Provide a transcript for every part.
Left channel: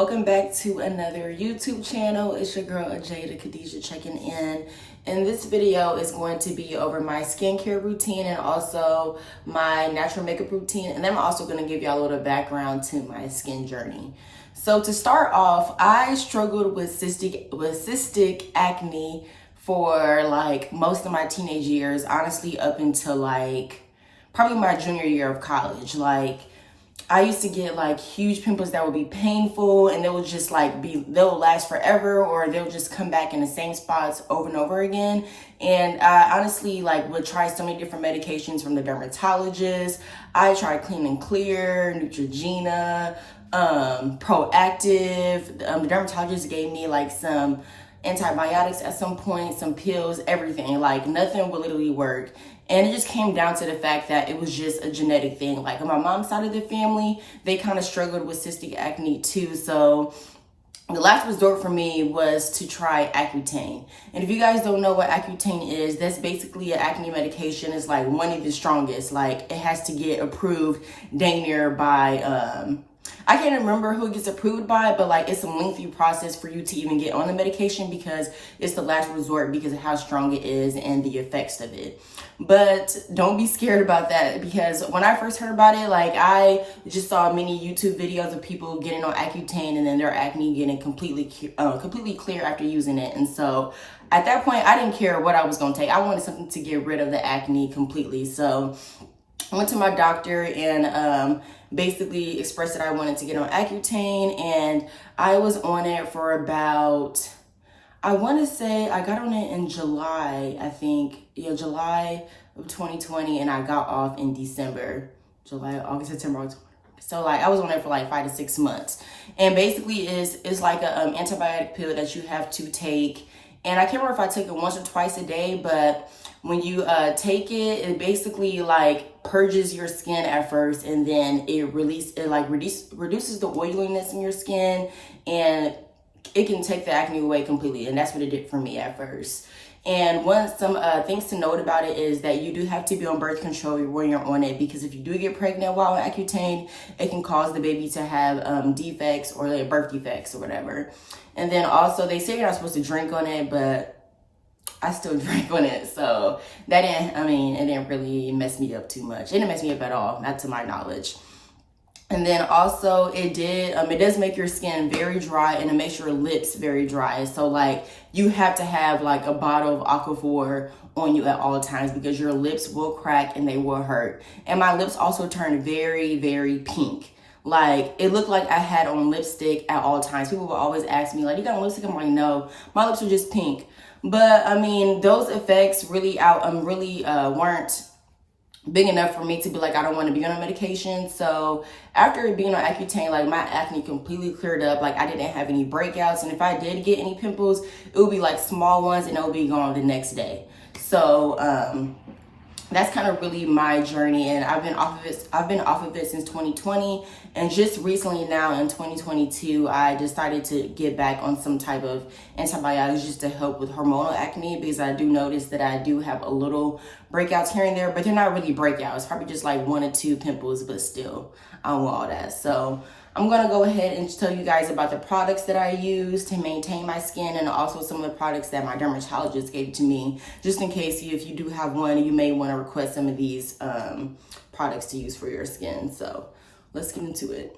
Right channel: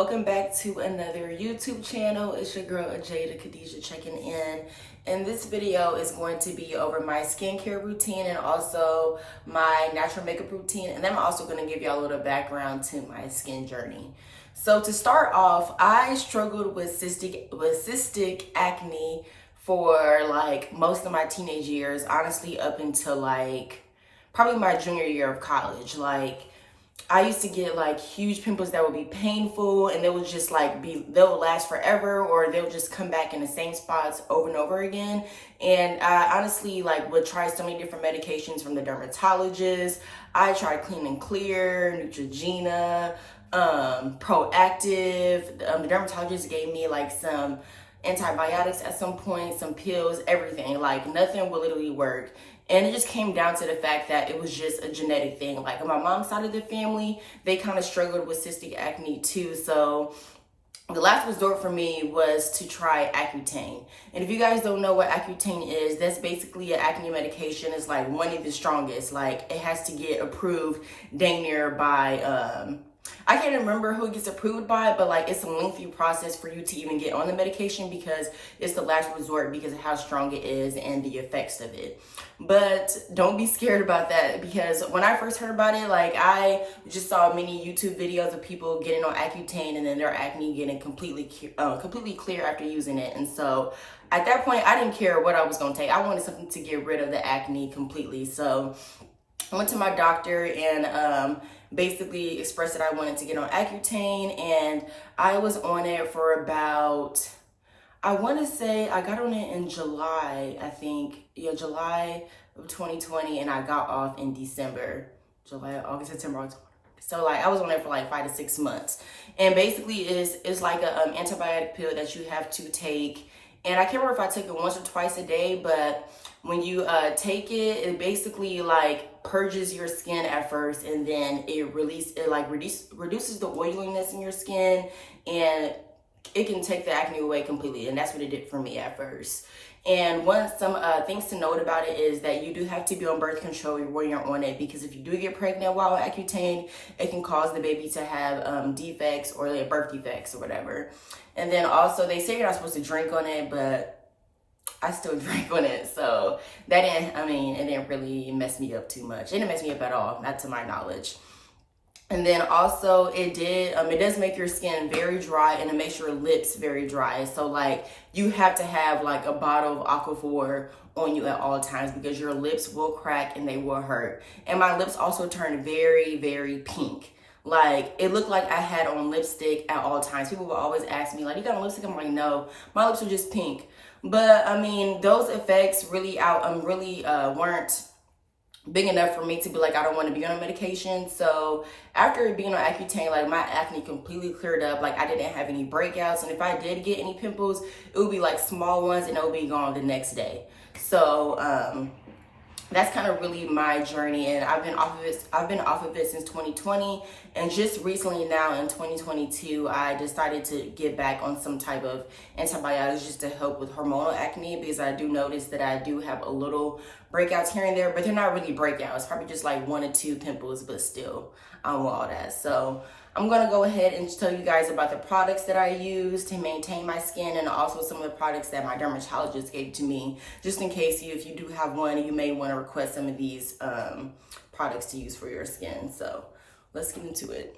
welcome back to another YouTube channel. It's your girl Jada Khadijah checking in. And this video is going to be over my skincare routine and also my natural makeup routine. And then I'm also going to give y'all a little background to my skin journey. So to start off, I struggled with cystic acne for like most of my teenage years, honestly up until like probably my junior year of college. Like I used to get like huge pimples that would be painful, and they would just like they'll last forever, or they'll just come back in the same spots over and over again. And I honestly like would try so many different medications from the dermatologist. I tried Clean and Clear, Neutrogena, Proactive. The dermatologist gave me like some antibiotics at some point, some pills, everything. Like nothing would literally work. And it just came down to the fact that it was just a genetic thing. Like on my mom's side of the family, they kind of struggled with cystic acne too. So the last resort for me was to try Accutane. And if you guys don't know what Accutane is, that's basically an acne medication. It's like one of the strongest. Like it has to get approved dang near by, I can't remember who it gets approved by, but like it's a lengthy process for you to even get on the medication because it's the last resort because of how strong it is and the effects of it. But don't be scared about that, because when I first heard about it, like I just saw many YouTube videos of people getting on Accutane and then their acne getting completely clear after using it. And so at that point, I didn't care what I was going to take. I wanted something to get rid of the acne completely. So I went to my doctor and basically expressed that I wanted to get on Accutane, and I was on it for about, I want to say I got on it in July, I think. Yeah, July of 2020, and I got off in December. July, August, September, October. So like I was on it for like 5 to 6 months. And basically it's like a antibiotic pill that you have to take. And I can't remember if I took it once or twice a day, but when you take it, it basically like purges your skin at first, and then it reduces the oiliness in your skin, and it can take the acne away completely. And that's what it did for me at first. And some things to note about it is that you do have to be on birth control when you're on it, because if you do get pregnant while on Accutane, it can cause the baby to have defects or like birth defects or whatever. And then also they say you're not supposed to drink on it, but I still drank on it. So that it didn't really mess me up too much. It didn't mess me up at all, not to my knowledge. And then also it does make your skin very dry, and it makes your lips very dry. So like you have to have like a bottle of Aquaphor on you at all times, because your lips will crack and they will hurt. And my lips also turned very, very pink. Like it looked like I had on lipstick at all times. People will always ask me like, you got on lipstick? I'm like, no, my lips were just pink. But I mean, those effects really weren't big enough for me to be like, I don't want to be on a medication. So after being on Accutane, like my acne completely cleared up. Like I didn't have any breakouts, and if I did get any pimples, it would be like small ones, and it would be gone the next day. So that's kind of really my journey, and I've been off of it since 2020, and just recently now in 2022 I decided to get back on some type of antibiotics just to help with hormonal acne, because I do notice that I do have a little breakouts here and there, but they're not really breakouts, probably just like 1 or 2 pimples, but still I don't want all that. So I'm going to go ahead and tell you guys about the products that I use to maintain my skin, and also some of the products that my dermatologist gave to me, just in case if you do have one, you may want to request some of these products to use for your skin. So let's get into it.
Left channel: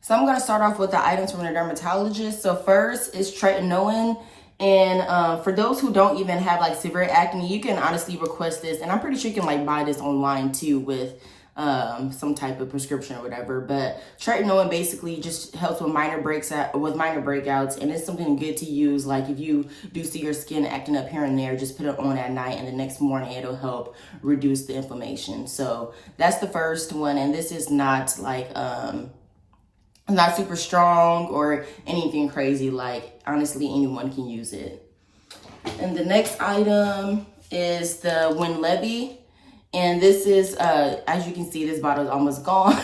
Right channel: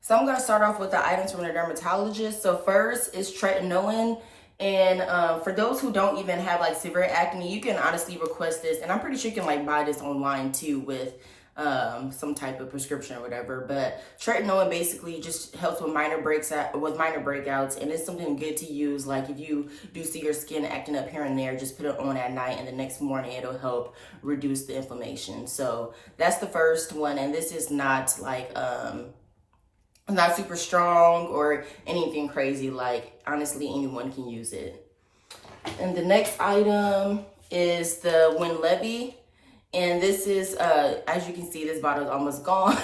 So I'm going to start off with the items from the dermatologist. So first is tretinoin. And for those who don't even have like severe acne, you can honestly request this, and I'm pretty sure you can like buy this online too with some type of prescription or whatever. But tretinoin basically just helps with minor breakouts, and it's something good to use. Like if you do see your skin acting up here and there, just put it on at night, and the next morning it'll help reduce the inflammation. So that's the first one, and this is not like not super strong or anything crazy. Like honestly, anyone can use it. And the next item is the Winlevi. And this is, as you can see, this bottle is almost gone.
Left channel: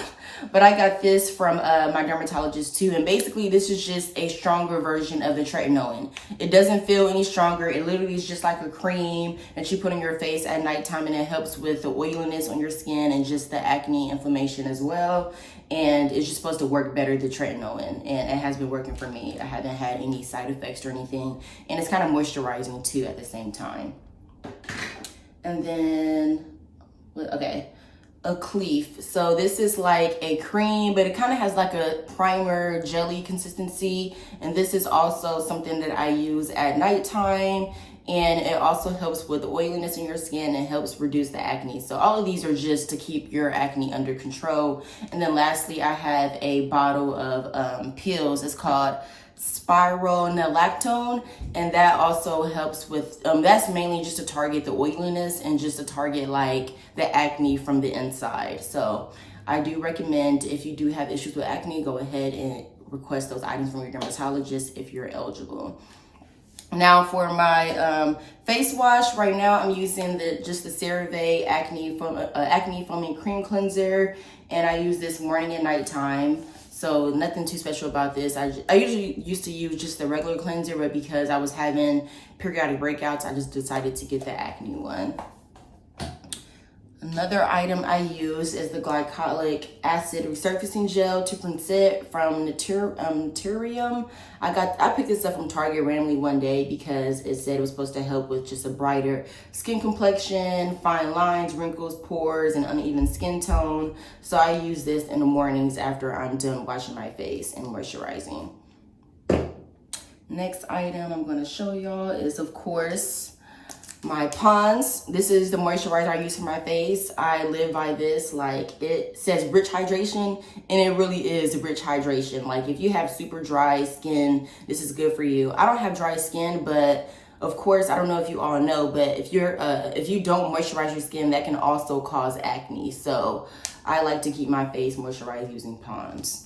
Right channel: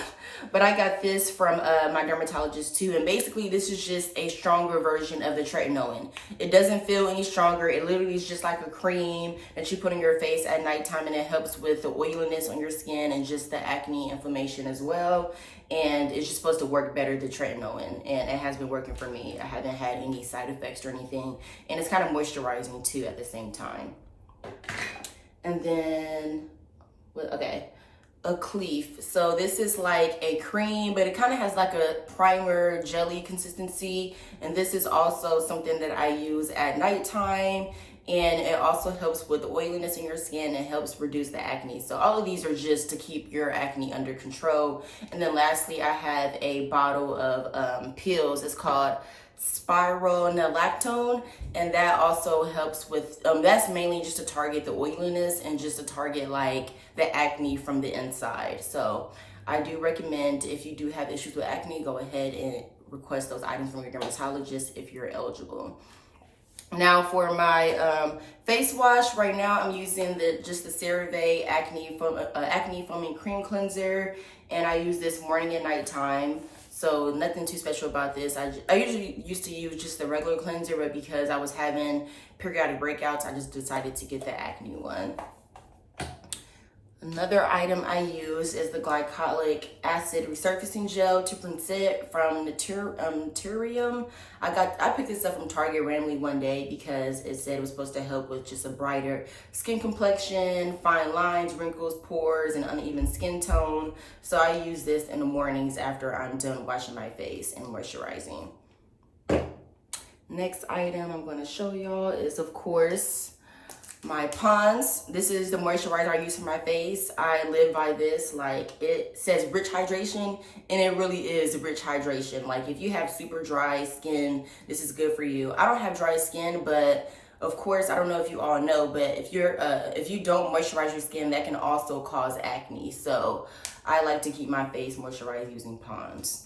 But I got this from my dermatologist too. And basically, this is just a stronger version of the tretinoin. It doesn't feel any stronger. It literally is just like a cream that you put on your face at nighttime. And it helps with the oiliness on your skin and just the acne inflammation as well. And it's just supposed to work better than tretinoin. And it has been working for me. I haven't had any side effects or anything. And it's kind of moisturizing too at the same time. And then... okay, a Cleef. So this is like a cream, but it kind of has like a primer jelly consistency. And this is also something that I use at nighttime. And it also helps with the oiliness in your skin and helps reduce the acne. So all of these are just to keep your acne under control. And then lastly, I have a bottle of pills. It's called spironolactone, and that also helps with that's mainly just to target the oiliness and just to target like the acne from the inside. So I do recommend, if you do have issues with acne, go ahead and request those items from your dermatologist if you're eligible. Now for my face wash, right now I'm using the CeraVe acne foaming cream cleanser, and I use this morning and nighttime. So nothing too special about this. I usually used to use just the regular cleanser, but because I was having periodic breakouts, I just decided to get the acne one. Another item I use is the glycolic acid resurfacing gel 2% from Naturium. I picked this up from Target randomly one day because it said it was supposed to help with just a brighter skin complexion, fine lines, wrinkles, pores, and uneven skin tone. So I use this in the mornings after I'm done washing my face and moisturizing. Next item I'm going to show y'all is, of course, my Pond's. This is the moisturizer I use for my face. I live by this. Like, it says rich hydration, and it really is rich hydration. Like, if you have super dry skin, this is good for you. I don't have dry skin, but of course, I don't know if you all know, but if you don't moisturize your skin, that can also cause acne. So I like to keep my face moisturized using Pond's.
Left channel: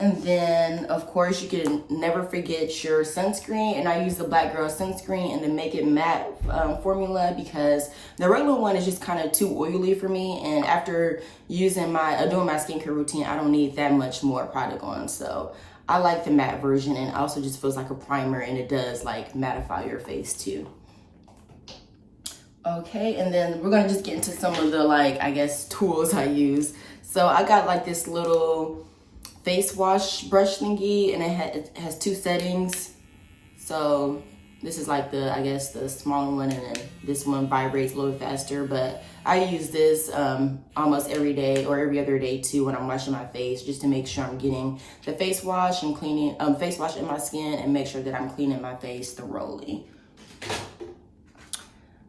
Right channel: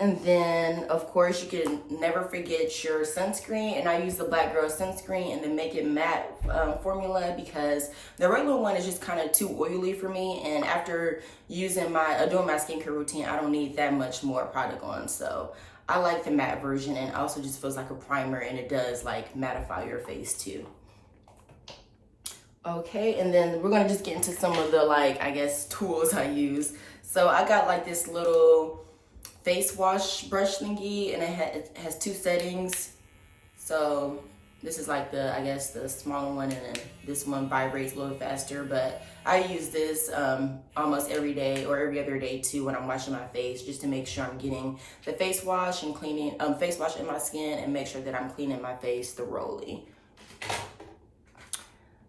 And then, of course, you can never forget your sunscreen. And I use the Black Girl sunscreen and the Make It Matte formula, because the regular one is just kind of too oily for me. And after using doing my skincare routine, I don't need that much more product on. So I like the matte version, and also just feels like a primer, and it does like mattify your face too. Okay, and then we're gonna just get into some of the, like, I guess, tools I use. So I got like this little face wash brush thingy, and it has two settings. So this is like the, I guess, the smaller one, and then this one vibrates a little faster. But I use this almost every day or every other day too when I'm washing my face, just to make sure I'm getting the face wash and cleaning face wash in my skin, and make sure that I'm cleaning my face thoroughly.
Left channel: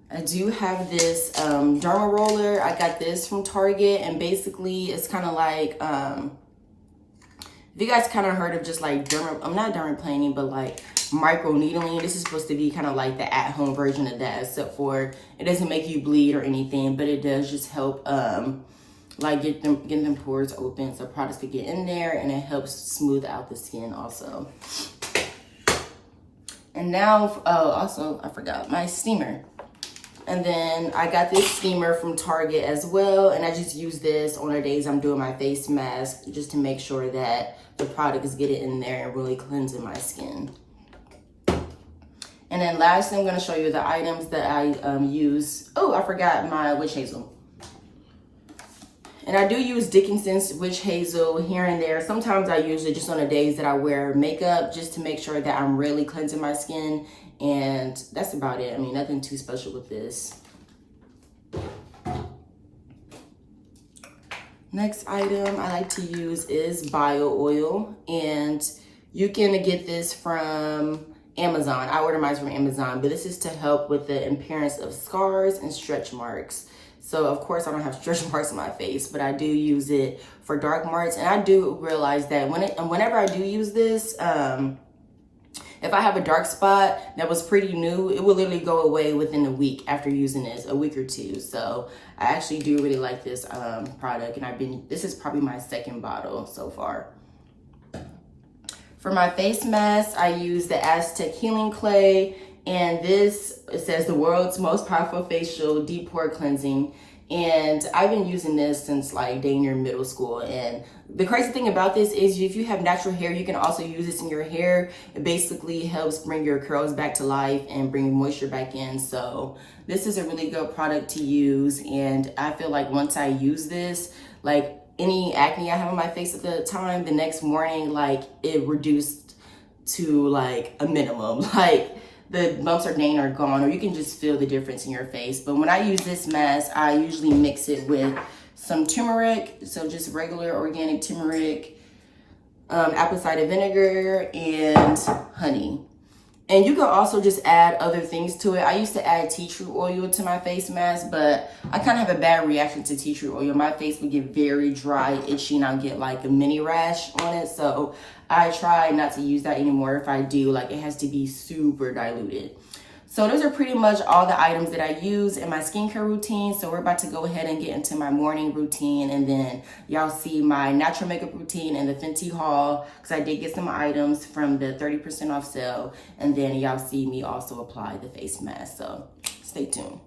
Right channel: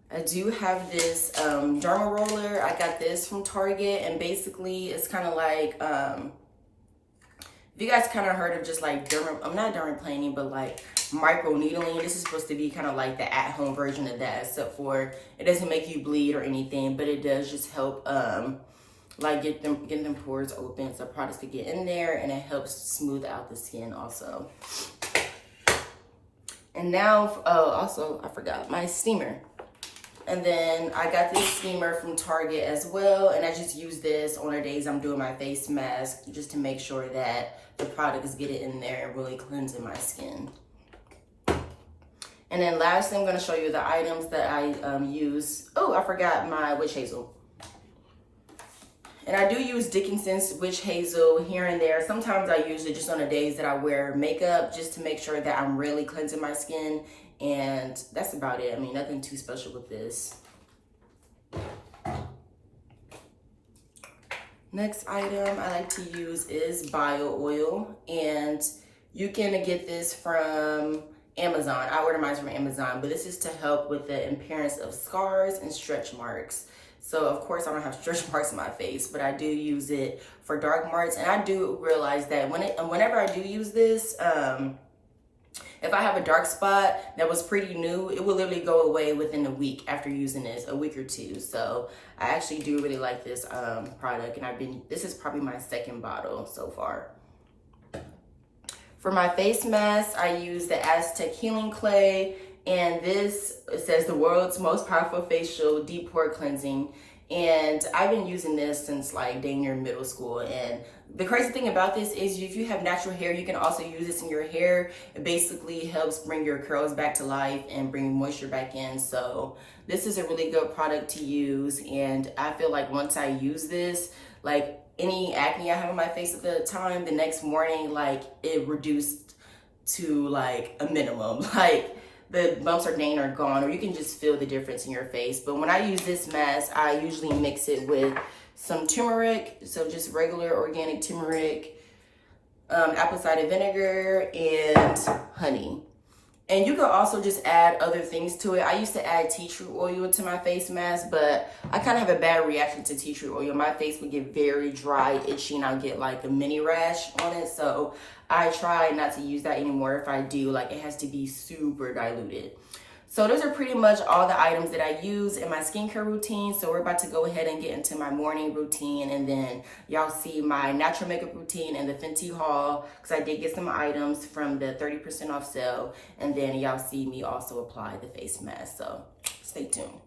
I do have this derma roller. I got this from Target, and basically it's kind of like if you guys kind of heard of just like not dermaplaning, but like micro needling. This is supposed to be kind of like the at-home version of that, except for it doesn't make you bleed or anything, but it does just help like get them pores open so products can get in there, and it helps smooth out the skin also. And now, also I forgot my steamer. And then I got this steamer from Target as well, and I just use this on the days I'm doing my face mask, just to make sure that the product is getting in there and really cleansing my skin. And then lastly, I'm going to show you the items that I use. Oh, I forgot my witch hazel. And I do use Dickinson's witch hazel here and there. Sometimes I use it just on the days that I wear makeup, just to make sure that I'm really cleansing my skin. And that's about it. I mean, nothing too special with this. Next item I like to use is bio oil, and you can get this from Amazon. I order mine from Amazon, but this is to help with the appearance of scars and stretch marks. So of course I don't have stretch marks on my face, but I do use it for dark marks. And I do realize that whenever I do use this, if I have a dark spot that was pretty new, it will literally go away within a week after using this, a week or two. So I actually do really like this product, and this is probably my second bottle so far. For my face mask, I use the Aztec Healing Clay, And this, it says the world's most powerful facial deep pore cleansing. And I've been using this since like dang near middle school. And the crazy thing about this is if you have natural hair, you can also use this in your hair. It basically helps bring your curls back to life and bring moisture back in. So this is a really good product to use. And I feel like once I use this, like any acne I have on my face at the time, the next morning, like it reduced to like a minimum. Like the bumps or dang are gone, or you can just feel the difference in your face. But when I use this mask, I usually mix it with some turmeric, so just regular organic turmeric, apple cider vinegar, and honey. And you can also just add other things to it. I used to add tea tree oil to my face mask, but I kind of have a bad reaction to tea tree oil. My face would get very dry, itchy, and I'll get like a mini rash on it. So I try not to use that anymore. If I do, like it has to be super diluted. So those are pretty much all the items that I use in my skincare routine. So we're about to go ahead and get into my morning routine, and then y'all see my natural makeup routine and the Fenty haul, because I did get some items from the 30% off sale, and then y'all see me also apply the face mask. So stay tuned.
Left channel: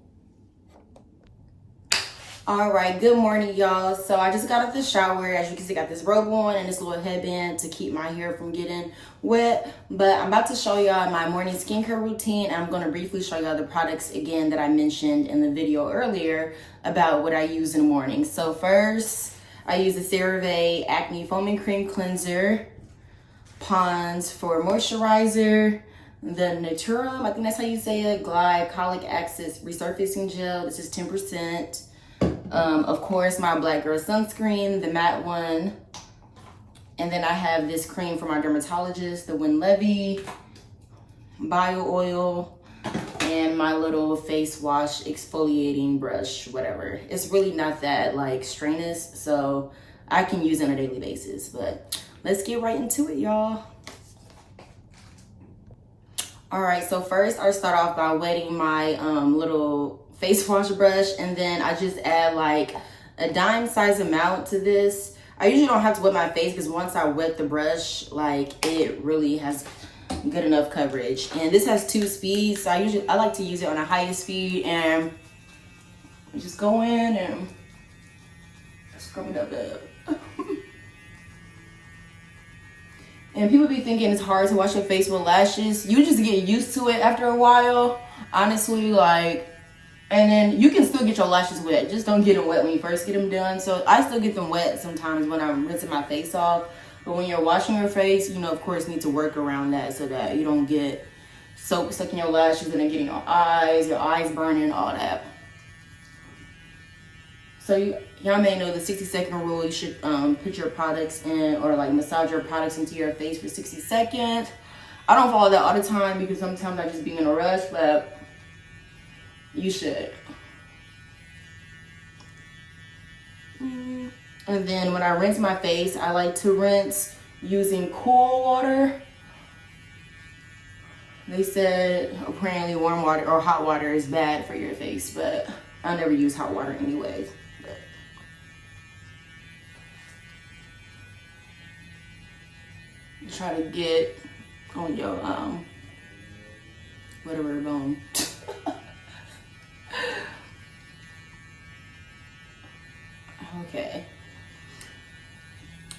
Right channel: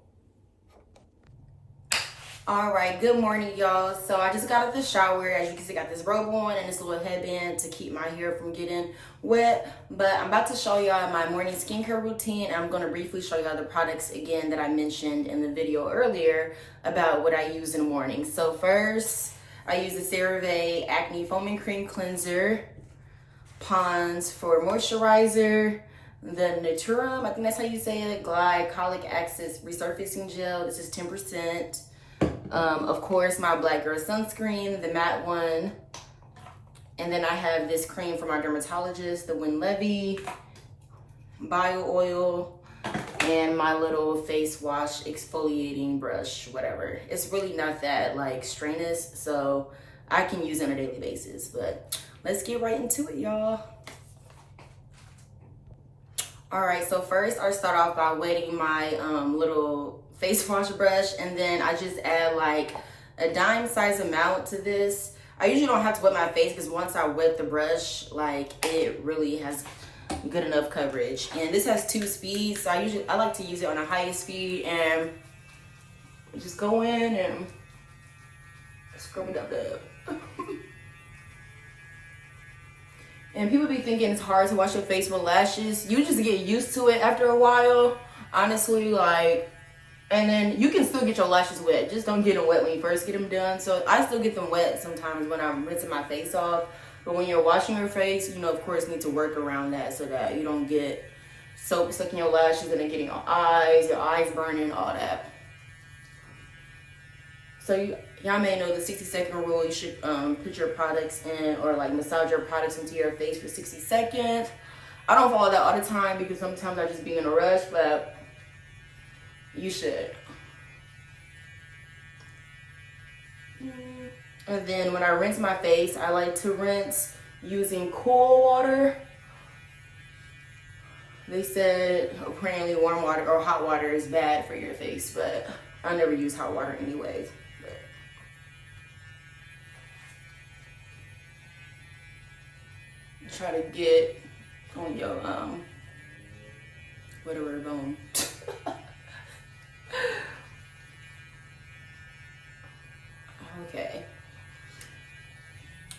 All right, good morning, y'all. So I just got out of the shower. As you can see, I got this robe on and this little headband to keep my hair from getting wet. But I'm about to show y'all my morning skincare routine. I'm going to briefly show y'all the products again that I mentioned in the video earlier about what I use in the morning. So first, I use the CeraVe Acne Foaming Cream Cleanser, Pond's for moisturizer, the Naturum, I think that's how you say it, Glycolic Acid Resurfacing Gel. This is 10%. Of course, my Black Girl sunscreen, the matte one. And then I have this cream from our dermatologist, the Winlevi Bio Oil, and my little face wash exfoliating brush, whatever. It's really not that like strenuous, so I can use it on a daily basis. But let's get right into it, y'all. All right, so first I start off by wetting my little face wash brush, and then I just add like a dime size amount to this. I usually don't have to wet my face because once I wet the brush, like it really has good enough coverage. And this has 2 speeds, so I like to use it on the highest speed, and just go in and scrub it up. And people be thinking it's hard to wash your face with lashes. You just get used to it after a while, honestly. Like, and then you can still get your lashes wet. Just don't get them wet when you first get them done. So I still get them wet sometimes when I'm rinsing my face off. But when you're washing your face, you know, of course, you need to work around that so that you don't get soap stuck in your lashes and then getting your eyes burning, all that. So y'all may know the 60-second rule. You should put your products in, or like massage your products into your face for 60 seconds. I don't follow that all the time because sometimes I just be in a rush, but you should. And then when I rinse my face, I like to rinse using cool water. They said apparently warm water or hot water is bad for your face, but I never use hot water anyways. Try to get on your whatever bone. Okay.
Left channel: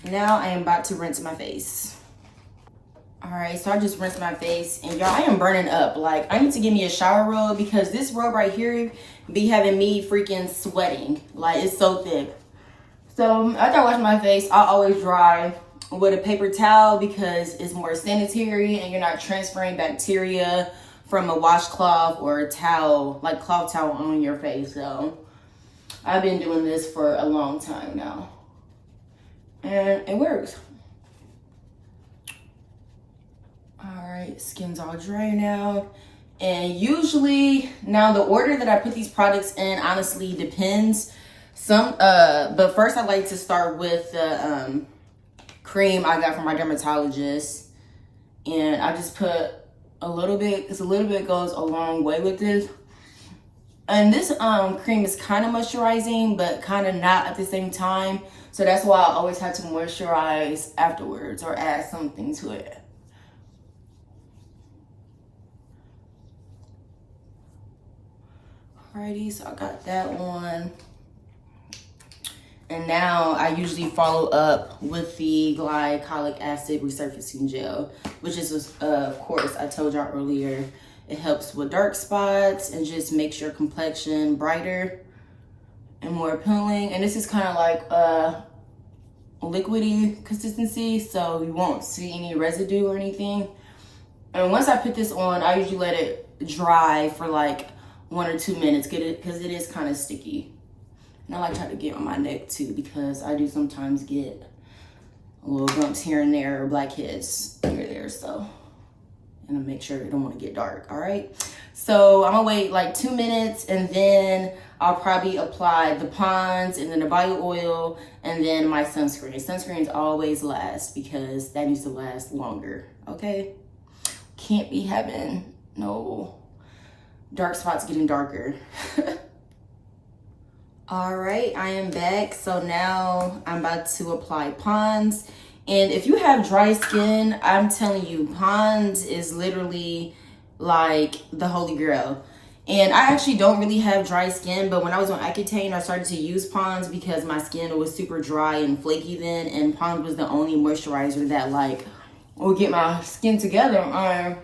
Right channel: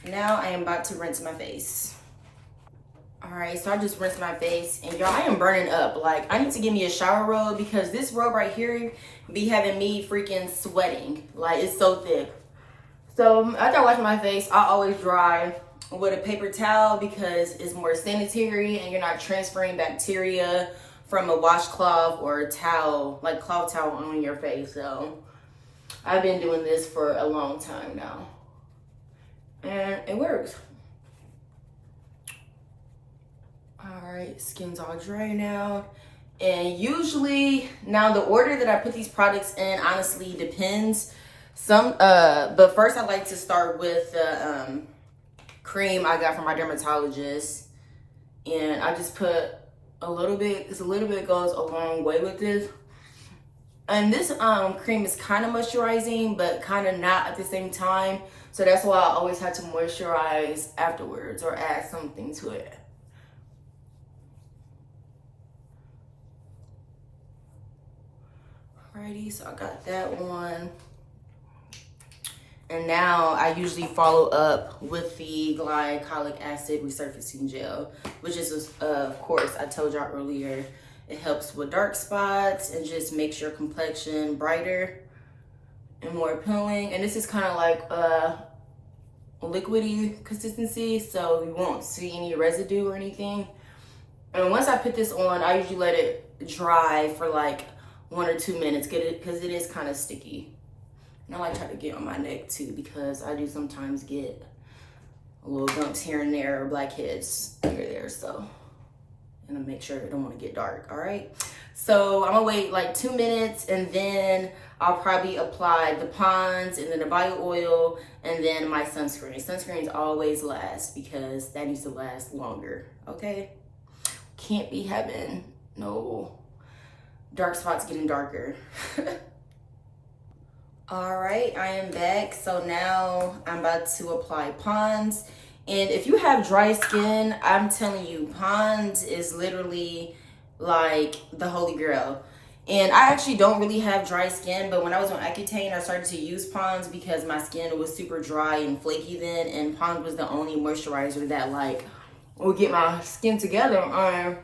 Now I am about to rinse my face. All right, so I just rinsed my face, and y'all, I am burning up. Like, I need to give me a shower robe because this robe right here be having me freaking sweating. Like, it's so thick. So after I wash my face, I always dry with a paper towel because it's more sanitary and you're not transferring bacteria from a washcloth or a towel, like cloth towel, on your face. So I've been doing this for a long time now, and it works. All right, skin's all dry now. And usually, now the order that I put these products in honestly depends. But first I like to start with the cream I got from my dermatologist, and I just put a little bit, because a little bit goes a long way with this. And this cream is kind of moisturizing, but kind of not at the same time. So that's why I always have to moisturize afterwards or add something to it. Alrighty, so I got that one. And now I usually follow up with the glycolic acid resurfacing gel, which is, of course, I told y'all earlier, it helps with dark spots and just makes your complexion brighter and more appealing. And this is kind of like a liquidy consistency, so you won't see any residue or anything. And once I put this on, I usually let it dry for like 1 or 2 minutes, because it is kind of sticky. And I like try to get on my neck too, because I do sometimes get little bumps here and there or blackheads here and there. So, and I make sure I don't want to get dark. All right. So I'm gonna wait like 2 minutes, and then I'll probably apply the Pond's and then the bio oil and then my sunscreen. Sunscreens always last because that needs to last longer. Okay. Can't be having no dark spots getting darker. All right, I am back. So now I'm about to apply Pond's. And if you have dry skin, I'm telling you, Pond's is literally like the holy grail. And I actually don't really have dry skin, but when I was on Accutane, I started to use Pond's because my skin was super dry and flaky then, and Pond's was the only moisturizer that like would get my skin together.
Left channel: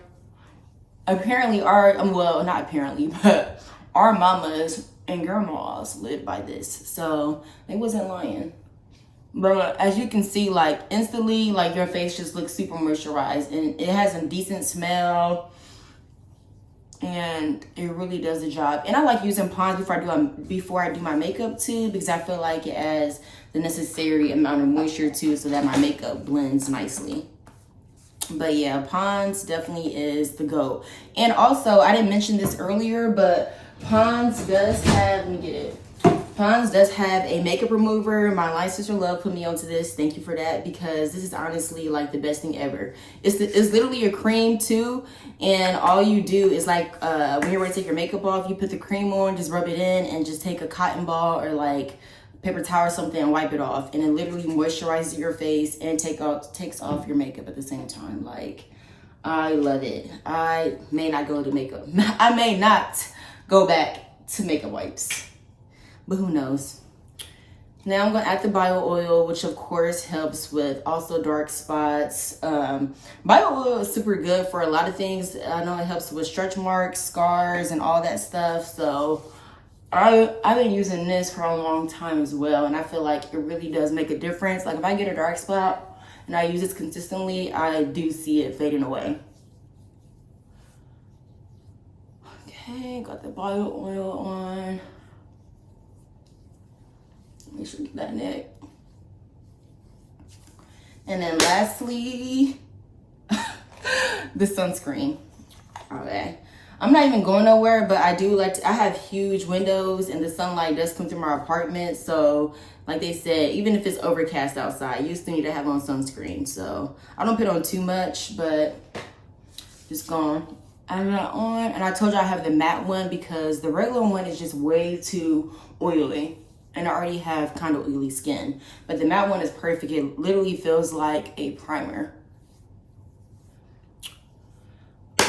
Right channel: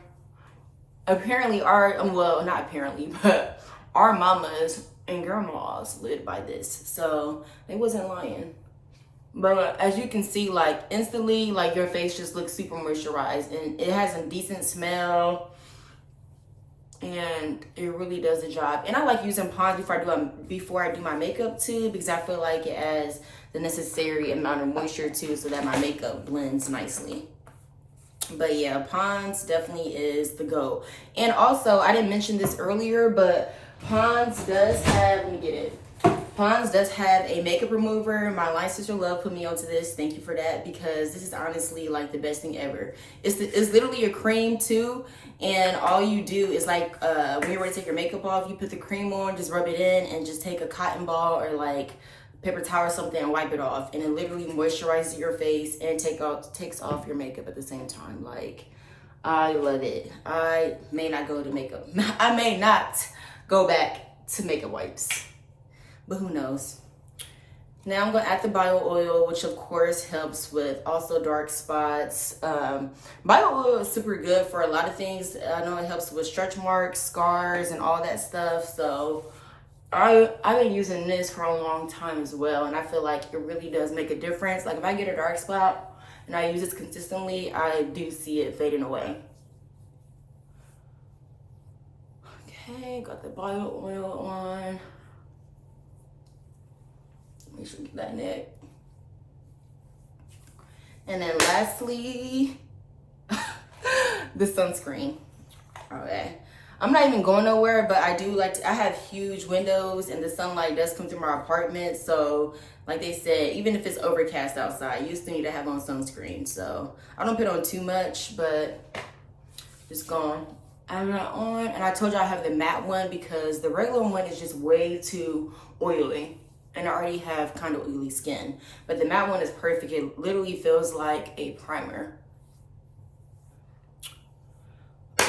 Apparently well, not apparently, but our mamas and grandmas lived by this, so they wasn't lying. But as you can see, like instantly, like your face just looks super moisturized, and it has a decent smell, and it really does the job. And I like using Pond's before I do my makeup too, because I feel like it adds the necessary amount of moisture too, so that my makeup blends nicely. But yeah, Pond's definitely is the GOAT. And also, I didn't mention this earlier, but Pond's does have, let me get it. Pond's does have a makeup remover. My line sister Love put me onto this. Thank you for that, because this is honestly like the best thing ever. It's literally a cream too, and all you do is like when you're ready to take your makeup off, you put the cream on, just rub it in, and just take a cotton ball or like paper towel or something and wipe it off, and it literally moisturizes your face and takes off your makeup at the same time. Like, I love it. I may not go to makeup. I may not go back to makeup wipes, but who knows. Now I'm gonna add the bio oil, which of course helps with also dark spots. Bio oil is super good for a lot of things. I know it helps with stretch marks, scars, and all that stuff. So I've been using this for a long time as well, and I feel like it really does make a difference. Like if I get a dark spot and I use this consistently, I do see it fading away. Okay, got the bio oil on. Make sure you get that neck. And then lastly, the sunscreen. Okay. I'm not even going nowhere, but I have huge windows and the sunlight does come through my apartment. So like they said, even if it's overcast outside, you still need to have on sunscreen. So I don't put on too much, but just gone. I'm not on. And I told you I have the matte one because the regular one is just way too oily. And I already have kind of oily skin. But the matte one is perfect. It literally feels like a primer.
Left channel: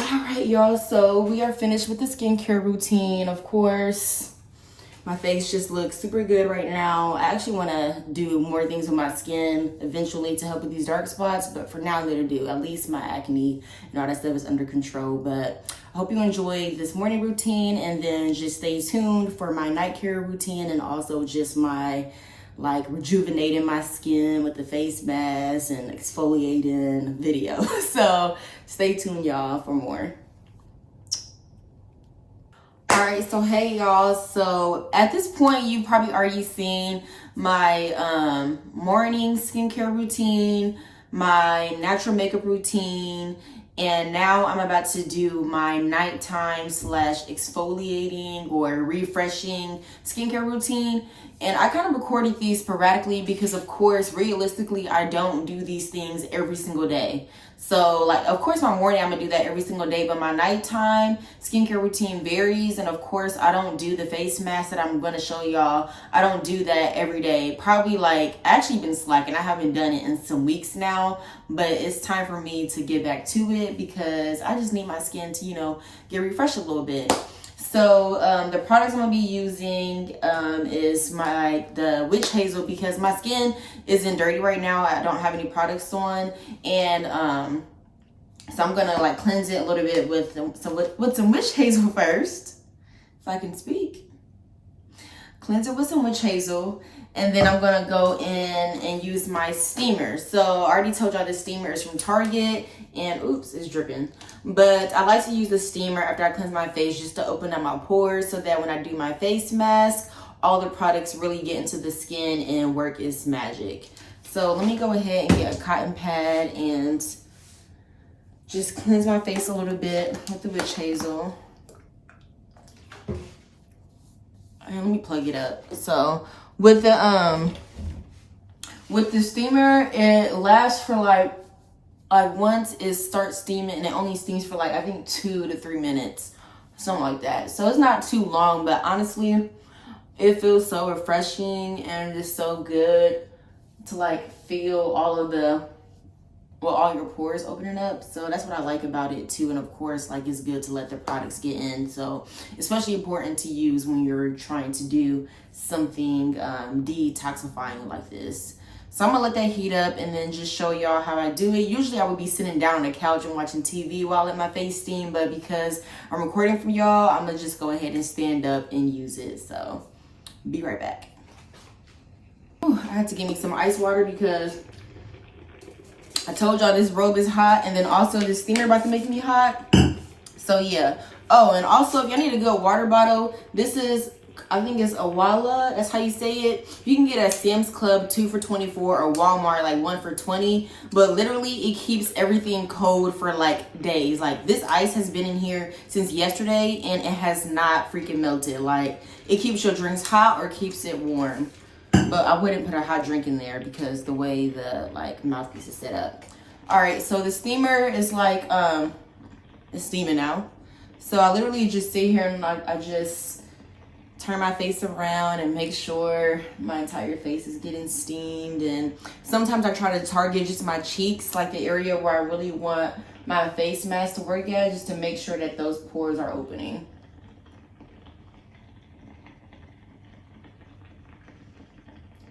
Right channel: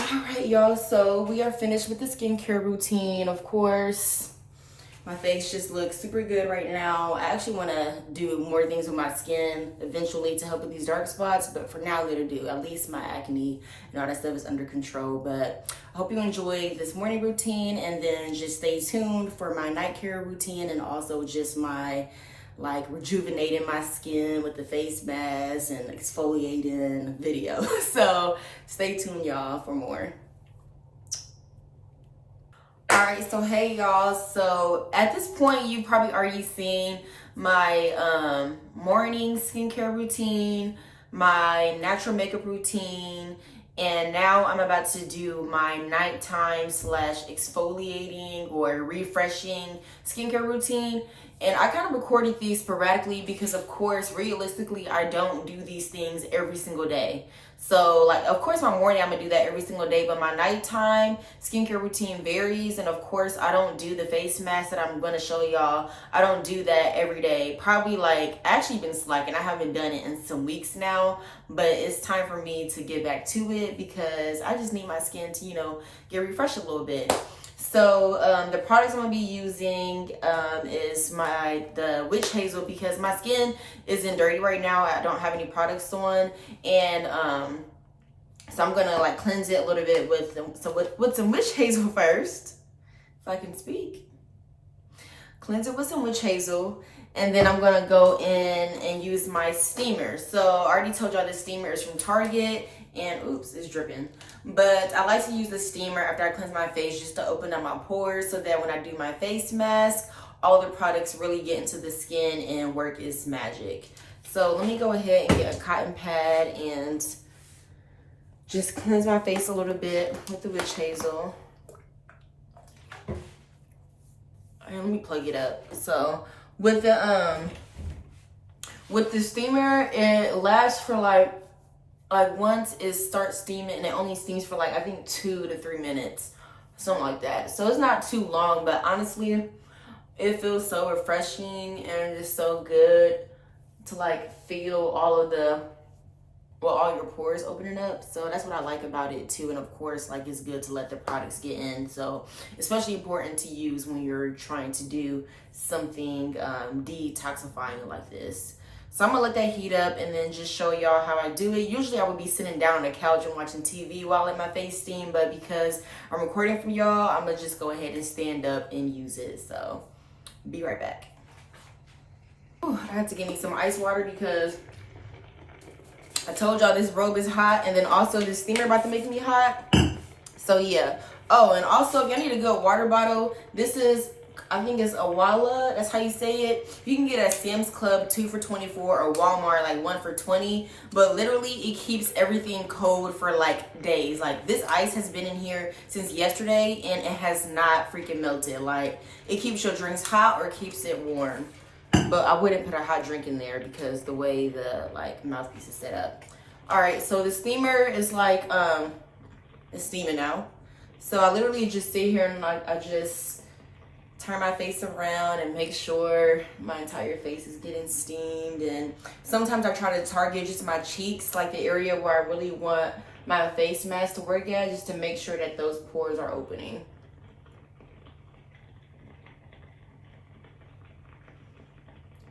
All right, y'all, so we are finished with the skincare routine. Of course, my face just looks super good right now. I actually want to do more things with my skin eventually to help with these dark spots, but for now, I'm going to do at least my acne and all that stuff is under control. But I hope you enjoyed this morning routine, and then just stay tuned for my night care routine and also just my like rejuvenating my skin with the face mask and exfoliating video. So stay tuned, y'all, for more. All right, so hey y'all, so at this point you've probably already seen my morning skincare routine, my natural makeup routine, and now I'm about to do my nighttime / exfoliating or refreshing skincare routine. And I kind of recorded these sporadically because, of course, realistically, I don't do these things every single day. So, like, of course, my morning, I'm going to do that every single day. But my nighttime skincare routine varies. And, of course, I don't do the face mask that I'm going to show y'all. I don't do that every day. Probably, like, I actually been slacking. I haven't done it in some weeks now. but it's time for me to get back to it because I just need my skin to, you know, get refreshed a little bit. So the products I'm gonna be using is the witch hazel, because my skin isn't dirty right now. I don't have any products on, and so I'm gonna like cleanse it a little bit with some witch hazel first, if I can speak. Cleanse it with some witch hazel, and then I'm gonna go in and use my steamer. So I already told y'all this steamer is from Target, and oops, it's dripping. But I like to use the steamer after I cleanse my face just to open up my pores, so that when I do my face mask, all the products really get into the skin and work its magic. So let me go ahead and get a cotton pad and just cleanse my face a little bit with the witch hazel. And let me plug it up. So with the steamer, it lasts for like once it starts steaming, and it only steams for like I think 2 to 3 minutes, something like that. So it's not too long, but honestly, it feels so refreshing and just so good to like feel all your pores opening up. So that's what I like about it too. And of course, like, it's good to let the products get in. So especially important to use when you're trying to do something detoxifying like this. So I'm gonna let that heat up and then just show y'all how I do it. Usually I would be sitting down on the couch and watching TV while I let my face steam, but because I'm recording for y'all, I'm gonna just go ahead and stand up and use it. So be right back. Ooh, I had to get me some ice water because I told y'all this robe is hot, and then also this steamer about to make me hot. So yeah. Oh, and also if y'all need a good water bottle, this is, I think it's Awala, that's how you say it. You can get a Sam's Club 2 for $24 or Walmart like 1 for $20, but literally it keeps everything cold for like days. Like, this ice has been in here since yesterday and it has not freaking melted. Like, it keeps your drinks hot or keeps it warm. But I wouldn't put a hot drink in there because the way the like mouthpiece is set up. All right, so the steamer is like it's steaming now. So I literally just sit here and I just turn my face around and make sure my entire face is getting steamed. And sometimes I try to target just my cheeks, like the area where I really want my face mask to work at, just to make sure that those pores are opening.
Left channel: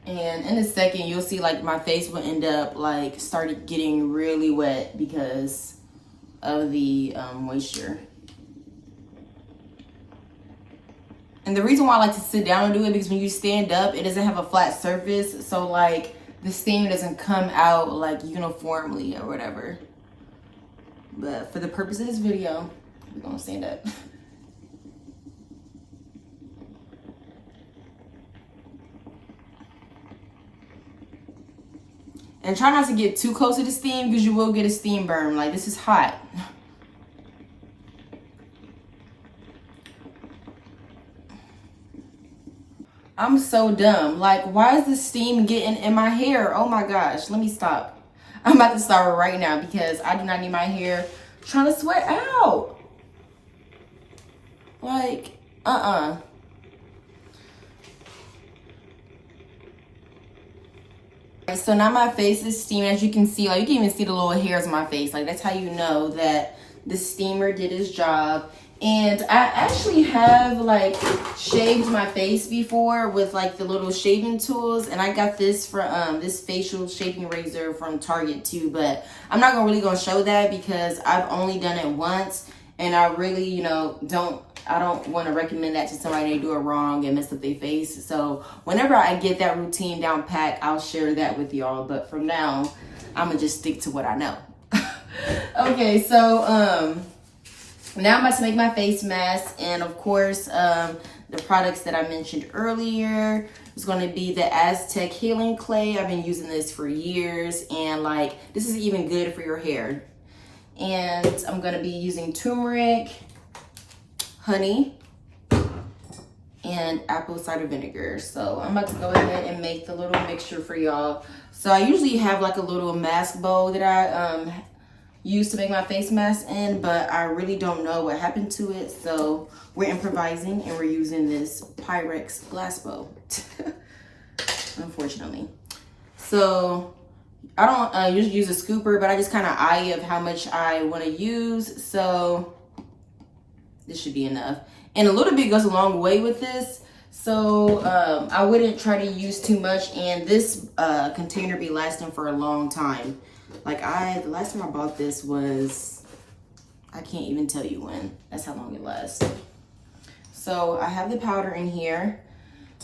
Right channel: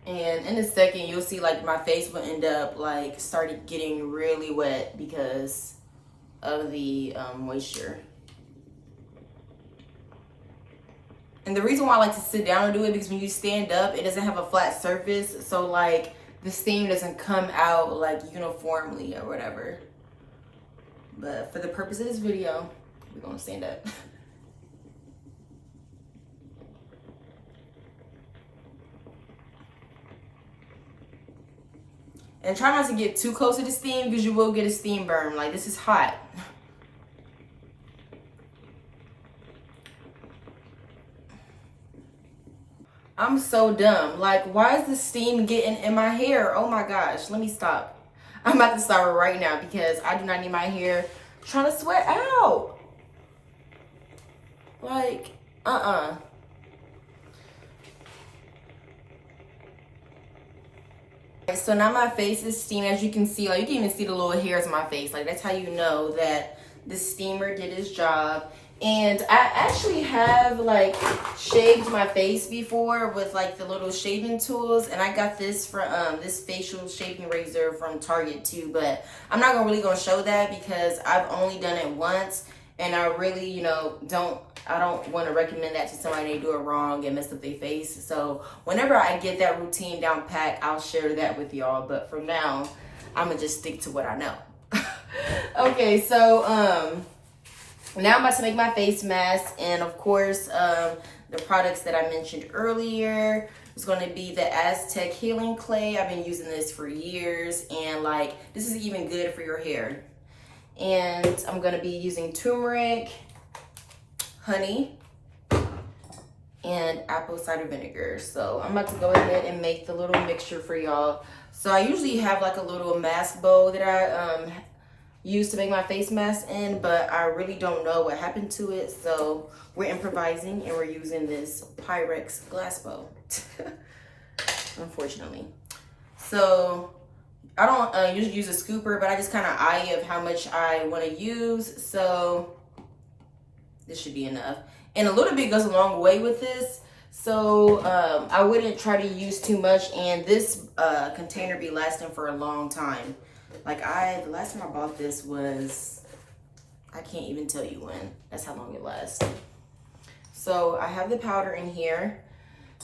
And in a second, you'll see like my face will end up like started getting really wet because of the moisture. And the reason why I like to sit down and do it, because when you stand up, it doesn't have a flat surface. So like the steam doesn't come out like uniformly or whatever. But for the purpose of this video, we're gonna stand up. And try not to get too close to the steam because you will get a steam burn. Like, this is hot. I'm so dumb. Like, why is the steam getting in my hair? Oh my gosh, let me stop. I'm about to stop right now because I do not need my hair trying to sweat out. Like, So now my face is steaming. As you can see, like, you can even see the little hairs on my face. Like, that's how you know that the steamer did its job. And I actually have like shaved my face before with like the little shaving tools, and I got this from this facial shaving razor from Target too, but I'm not really gonna show that because I've only done it once, and I really, you know, I don't want to recommend that to somebody they do it wrong and mess up their face. So whenever I get that routine down pat, I'll share that with y'all. But for now, I'm gonna just stick to what I know. Okay, so now I'm about to make my face mask, and of course, the products that I mentioned earlier is going to be the Aztec Healing Clay. I've been using this for years, and like, this is even good for your hair. And I'm going to be using turmeric, honey, and apple cider vinegar. So I'm about to go ahead and make the little mixture for y'all. So I usually have like a little mask bowl that I use to make my face mask in, but I really don't know what happened to it. So we're improvising and we're using this Pyrex glass bowl, unfortunately. So I don't usually use a scooper, but I just kind of eye of how much I want to use. So this should be enough. And a little bit goes a long way with this. So I wouldn't try to use too much, and this container be lasting for a long time. Like the last time I bought this was, I can't even tell you when. That's how long it lasts. So I have the powder in here.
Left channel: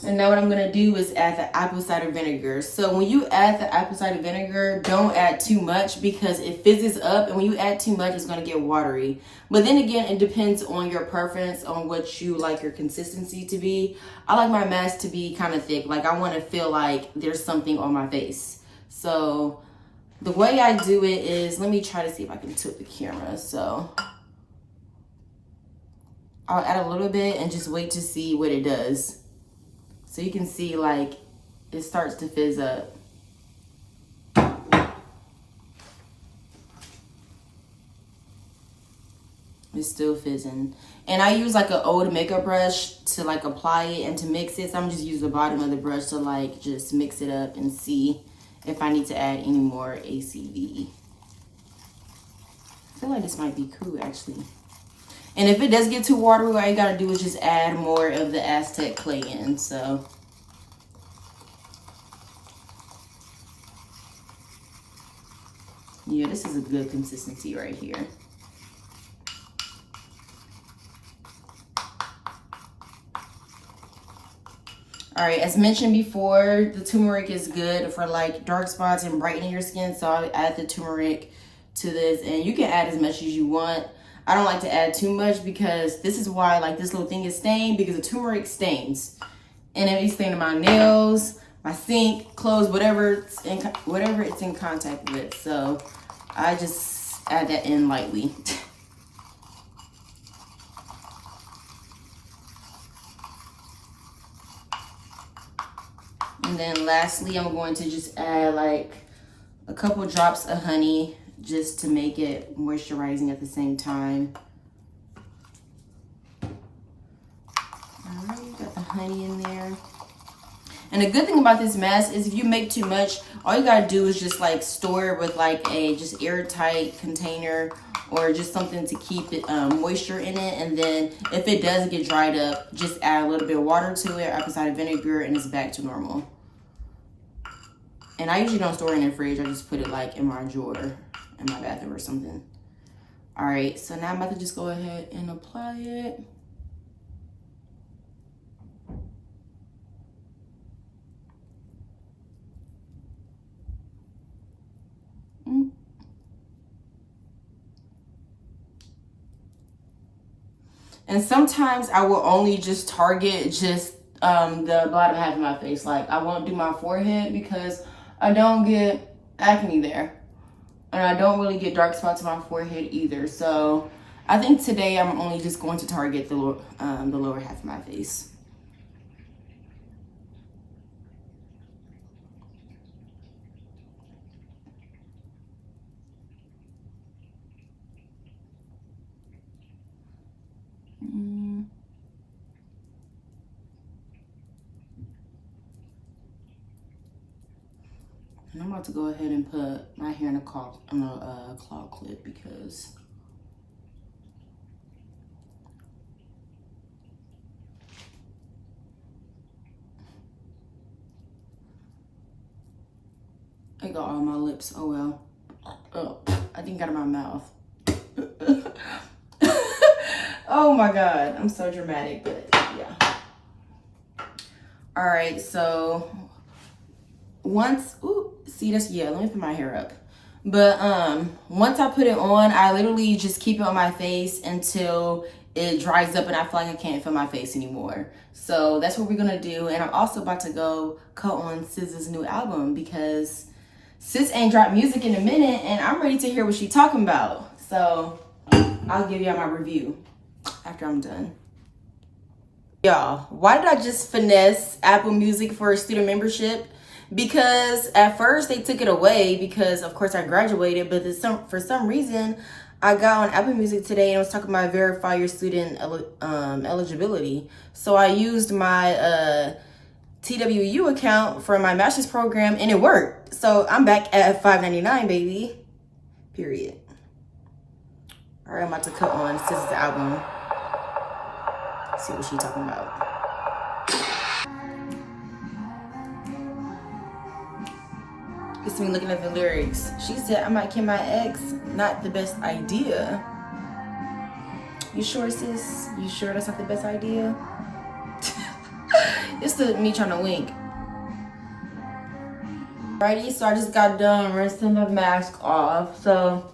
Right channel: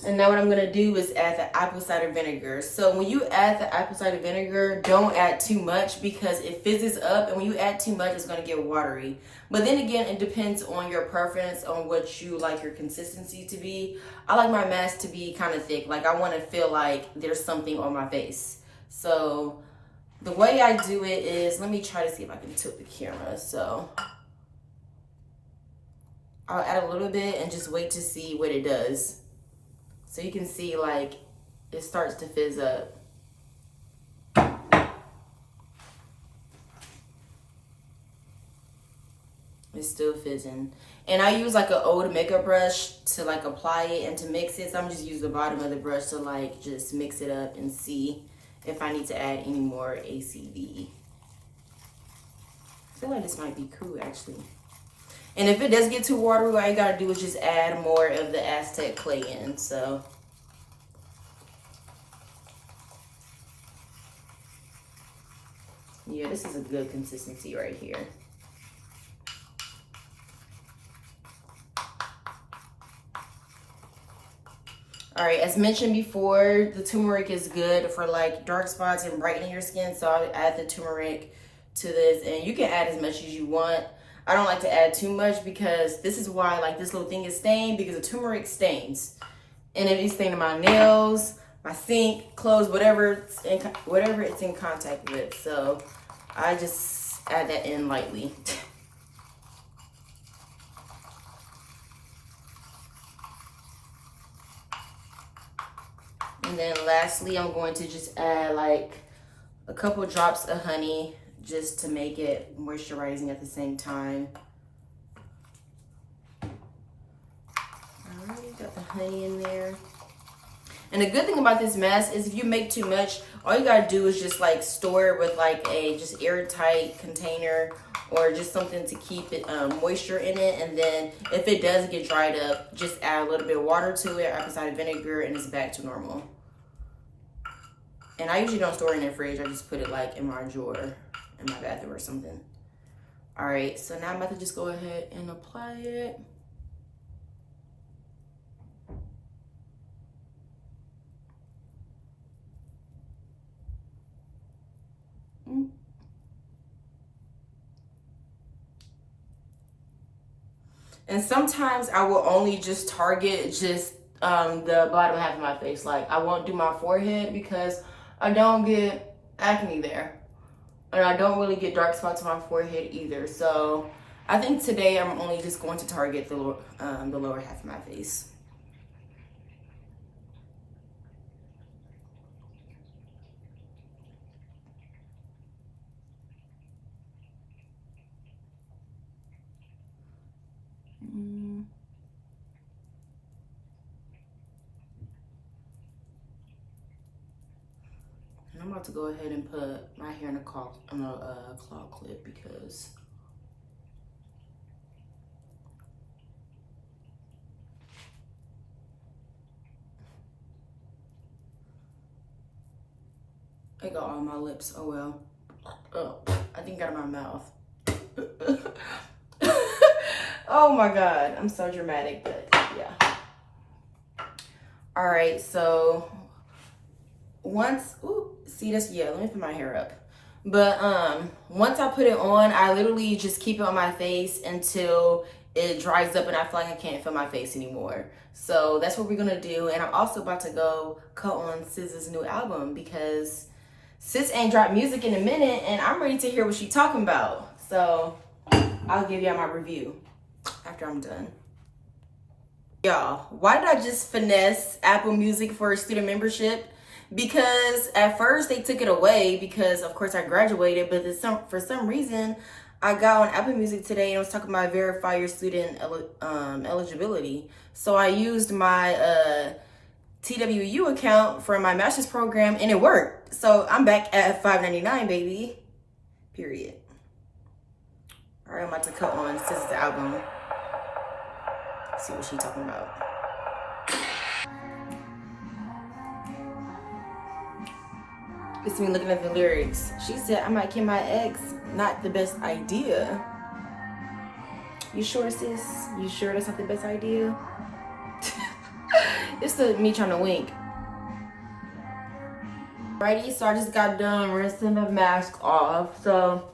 And now what I'm gonna do is add the apple cider vinegar. So when you add the apple cider vinegar, don't add too much because it fizzes up, and when you add too much, it's gonna get watery. But then again, it depends on your preference on what you like your consistency to be. I like my mask to be kind of thick. Like I wanna feel like there's something on my face. So the way I do it is, let me try to see if I can tilt the camera. So I'll add a little bit and just wait to see what it does. So you can see like it starts to fizz up. It's still fizzing. And I use like an old makeup brush to like apply it and to mix it. So I'm just using the bottom of the brush to like just mix it up and see if I need to add any more ACV. I feel like this might be cool actually. And if it does get too watery, all you gotta do is just add more of the Aztec clay in. So yeah, this is a good consistency right here. All right, as mentioned before, the turmeric is good for like dark spots and brightening your skin. So I'll add the turmeric to this, and you can add as much as you want. I don't like to add too much because this is why like this little thing is stained, because the turmeric stains. And it is staining my nails, my sink, clothes, whatever it's in contact with. So I just add that in lightly. And then lastly, I'm going to just add like a couple drops of honey just to make it moisturizing at the same time. All right, got the honey in there. And the good thing about this mask is if you make too much, all you gotta do is just like store it with like a just airtight container or just something to keep it moisture in it. And then if it does get dried up, just add a little bit of water to it, apple cider vinegar, and it's back to normal. And I usually don't store it in the fridge. I just put it like in my drawer in my bathroom or something. All right, so now I'm about to just go ahead and apply it. And sometimes I will only just target just the bottom half of my face. Like I won't do my forehead because I don't get acne there. And I don't really get dark spots on my forehead either. So I think today I'm only just going to target the lower half of my face. And I'm about to go ahead and put my hair in a claw clip because I got all my lips. Oh well. Oh, I think out of my mouth. Oh my God, I'm so dramatic, but yeah. All right, so once, see this? Yeah, let me put my hair up. But once I put it on, I literally just keep it on my face until it dries up and I feel like I can't feel my face anymore. So that's what we're gonna do. And I'm also about to go cut on SZA's new album because Sis ain't dropped music in a minute and I'm ready to hear what she's talking about. So I'll give y'all my review after I'm done. Y'all, why did I just finesse Apple Music for a student membership? Because at first they took it away because of course I graduated, but for some reason I got on Apple Music today and it was talking about verify your student eligibility. So I used my TWU account for my master's program and it worked. So I'm back at $5.99, baby. Period. All right, I'm about to cut on Sis' album. See what she's talking about. It's me looking at the lyrics. She said, I might kill my ex. Not the best idea. You sure, sis? You sure that's not the best idea? It's me trying to wink. Alrighty, so I just got done rinsing the mask off. So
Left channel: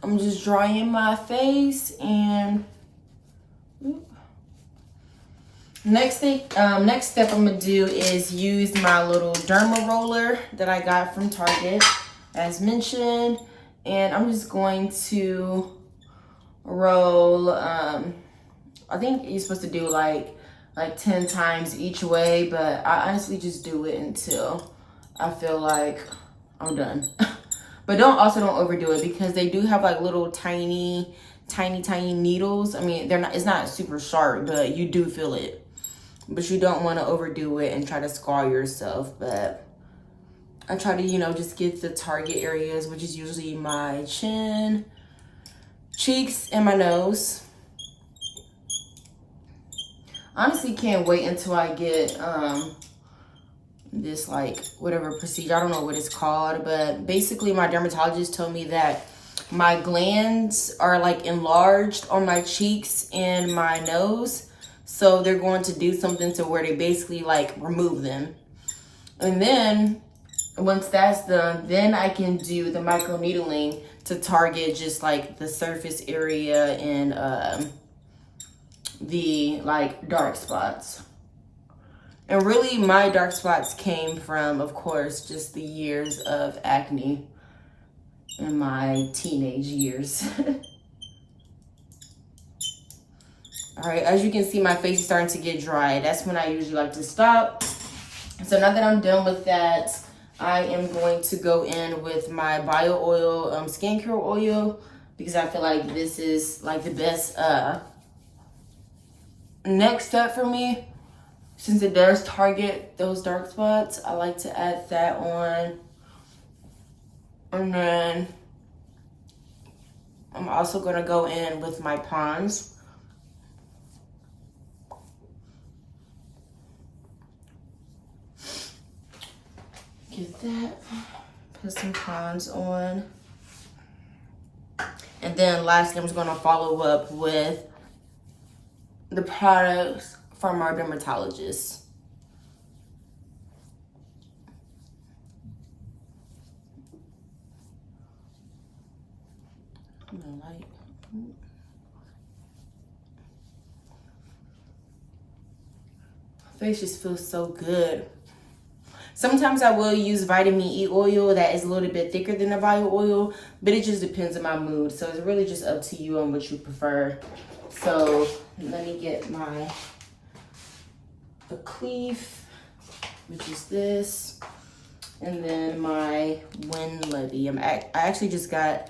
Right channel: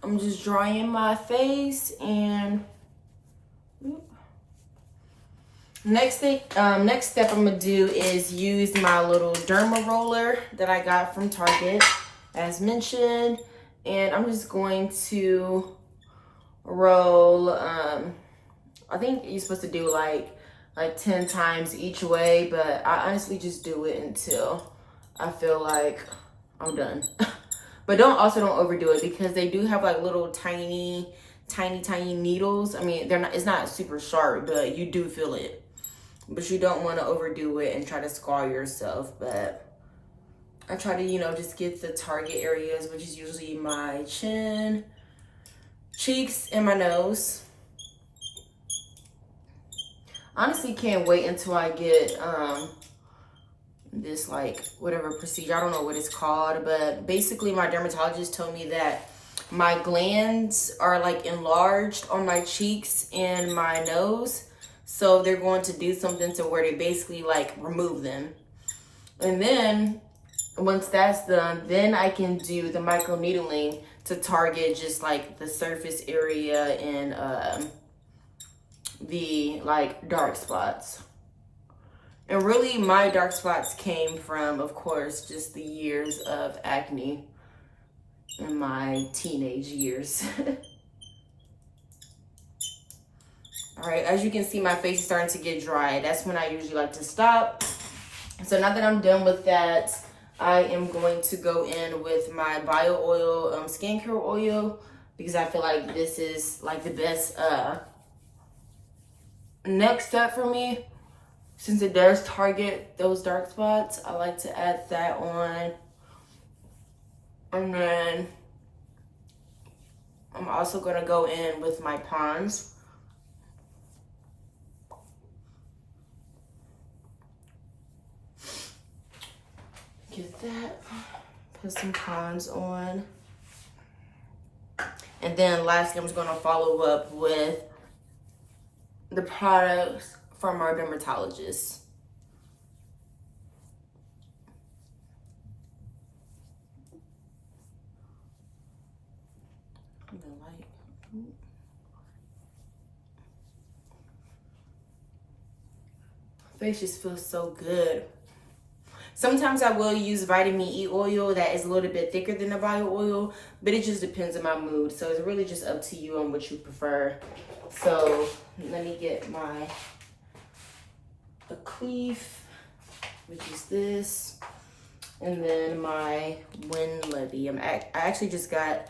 I'm just drying my face and next step I'm gonna do is use my little derma roller that I got from Target, as mentioned, and I'm just going to roll. I think you're supposed to do like 10 times each way, but I honestly just do it until I feel like I'm done. But don't overdo it, because they do have like little tiny needles. I mean, it's not super sharp, but you do feel it. But you don't want to overdo it and try to scar yourself. But I try to, just get the target areas, which is usually my chin, cheeks, and my nose. Honestly, can't wait until I get this whatever procedure. I don't know what it's called, but basically my dermatologist told me that my glands are enlarged on my cheeks and my nose. So they're going to do something to where they basically remove them. And then once that's done, then I can do the microneedling to target just the surface area and the dark spots. And really my dark spots came from, of course, just the years of acne in my teenage years. All right, as you can see, my face is starting to get dry. That's when I usually like to stop. So now that I'm done with that, I am going to go in with my bio oil, skincare oil, because I feel like this is the best next step for me. Since it does target those dark spots, I like to add that on. And then I'm also gonna go in with my Pond's. Get that, put some Pond's on. And then lastly, I'm just gonna follow up with the products from our dermatologist. Face just feels so good. Sometimes I will use vitamin E oil that is a little bit thicker than the bio oil, but it just depends on my mood. So it's really just up to you on what you prefer. So let me get my Acne, which is this, and then my Levy. I actually just got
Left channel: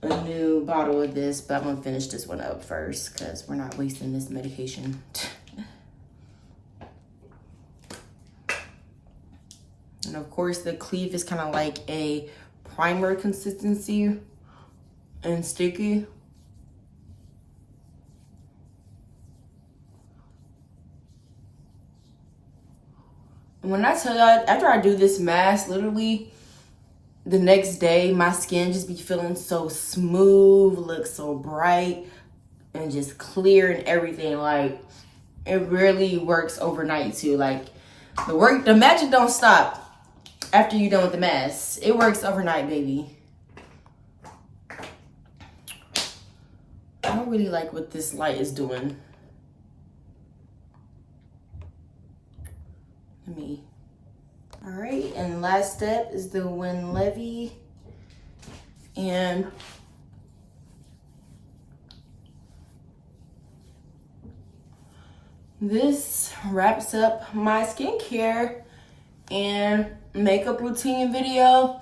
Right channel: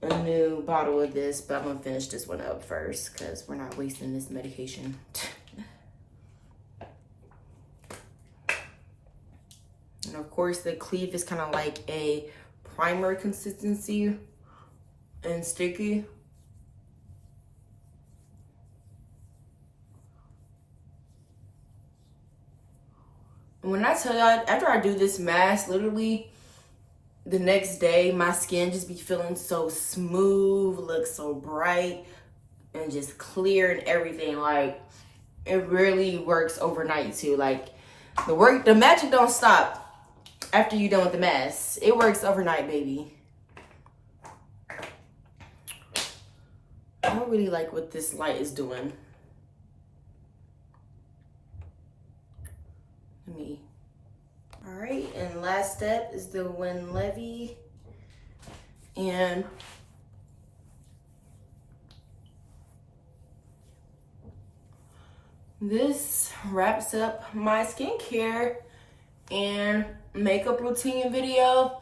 a new bottle of this, but I'm gonna finish this one up first because we're not wasting this medication. And of course, the Cleave is kind of like a primer consistency and sticky. And when I tell y'all, after I do this mask, literally the next day, my skin just be feeling so smooth, looks so bright, and just clear and everything. It really works overnight too. The magic don't stop after you're done with the mask. It works overnight, baby. I don't really like what this light is doing. All right, and last step is the Levy. And this wraps up my skincare and makeup routine video.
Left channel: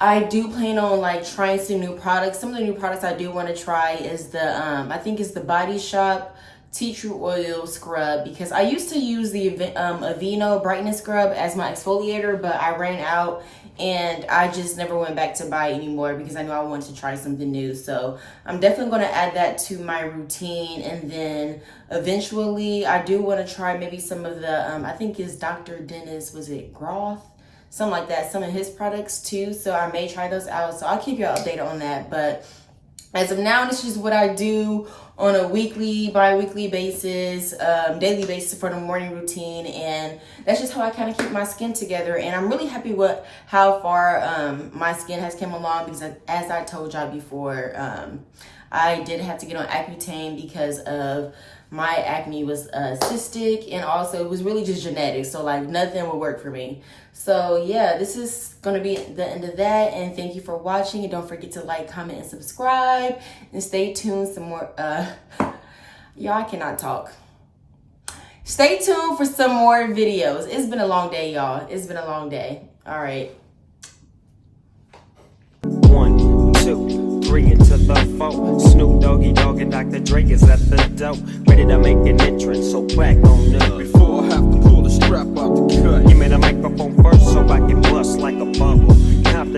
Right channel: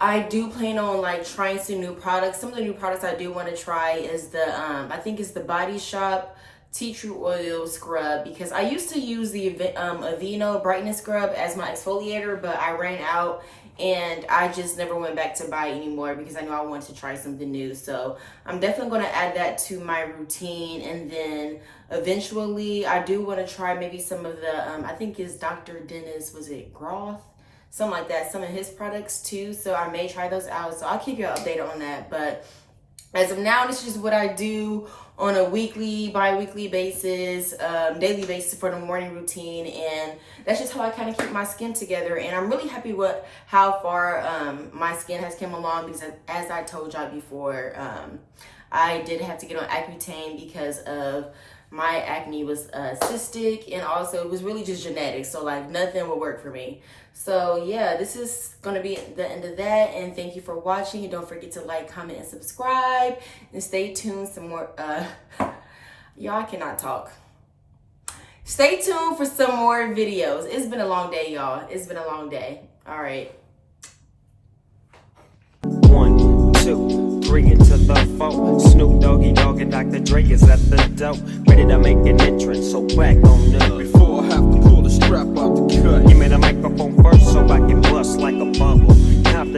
I do plan on trying some new products. Some of the new products I do want to try is the I think it's the Body Shop tea tree oil scrub, because I used to use the Aveeno brightness scrub as my exfoliator, but I ran out and I just never went back to buy it anymore because I knew I wanted to try something new. So I'm definitely going to add that to my routine. And then eventually I do want to try maybe some of the I think it's Dr. Dennis, was it Groth, something like that, some of his products too. So I may try those out, so I'll keep you updated on that. But as of now, this is what I do on a weekly, bi-weekly basis, daily basis for the morning routine. And that's just how I kind of keep my skin together. And I'm really happy with how far my skin has come along, because as I told y'all before, I did have to get on Accutane because of my acne was cystic, and also it was really just genetic. So like nothing would work for me. So yeah, this is gonna be the end of that. And thank you for watching. And don't forget to like, comment, and subscribe. And stay tuned some more. Y'all, I cannot talk. Stay tuned for some more videos. It's been a long day, y'all. It's been a long day. All right. 1, 2, 3 into the 4. Snoop Doggy Dogg and Dr. Dre is at the door, ready to make an entrance. So back on up. Before I have to pull the strap out the cut. Give me the microphone first so I can bust like a bubble. Compton